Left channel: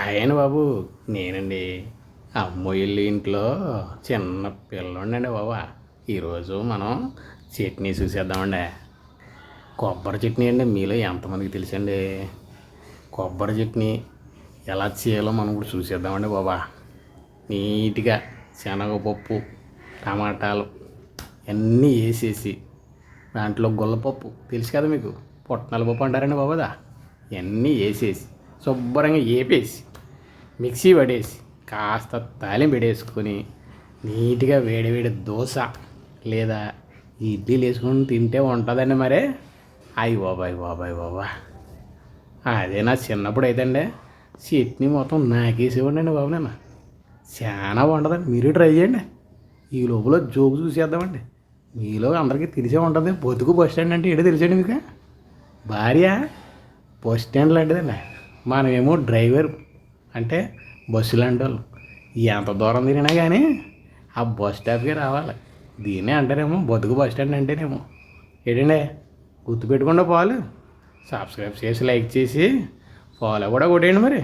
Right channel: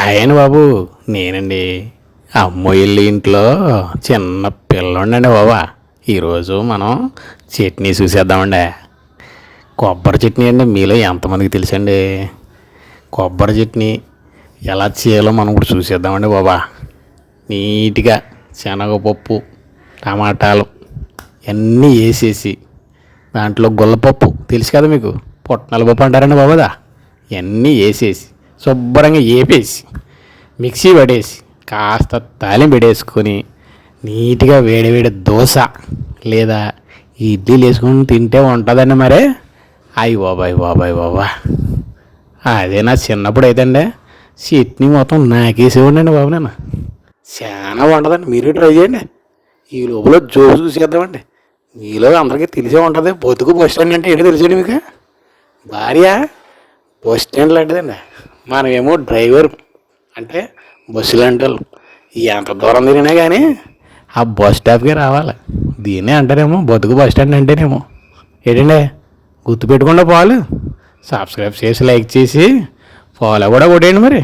ఆయన బాబు నేనండి. అమ్మోయిల్లి ఇంట్లో చిన్న పిల్లోండండి బాబా. ఈరోజు మనం చట్నీ చూసేద్దామండి. కొబ్బరి చట్నీ అండి. మీలో ఎంతమందికి తెలుసండి కొబ్బరి చట్నీ ఎలా చేయాలో మనం ఇప్పుడు చూసేద్దామండి బాబా. నీట్గా శనగపప్పు, టమాటాలు అన్నీ వేసేసి దాంట్లో గుల్లపప్పు తెలుసు కదా మీకు, పుట్నాల పప్పు అంటారండి బాబాదా. ఇవన్నీ వేసేసి శుభ్రంగా వేపేసి మిక్సీ పడేసి కాస్త తాలింపు పెట్టేసుకొని నీట్గా వేడివేడి దోశ లేదా ఇడ్లీలు వేసుకొని తింటే ఉంటుందండి. మరే అయ్యి బాబాయ్ బాబాయ్ బాబా, అదే నా చిన్నప్పుడు అయితే అండి చట్నీ మొత్తం నాకేసేవాడినండి బాబు. నేను చాలా బాగుంటుందండి, మీరు ట్రై చేయండి. ఈ లోపల జోరు చూసేద్దామండి. మీలో అందరికీ తెలిసే ఉంటుంది, బతుకు బస్ స్టాండ్ అంటే ఏంటో తెలిసండి మీకు. భార్య బస్ స్టాండ్ లాంటిదండి, మనమేమో డ్రైవర్ అంటే బస్సులు అంటే ఎంత దూరం తిరిగినా కానీ ఆ బస్ స్టాప్కే రావాలి. దీన్నే అంటారేమో బతుకు బస్ స్టాండ్ అంటేనేమో. ఏంటండి గుర్తుపెట్టుకుండా పాలు సబ్స్క్రైబ్ చేసి లైక్ చేసి ఫాలో కూడా కొట్టేయండి మరి.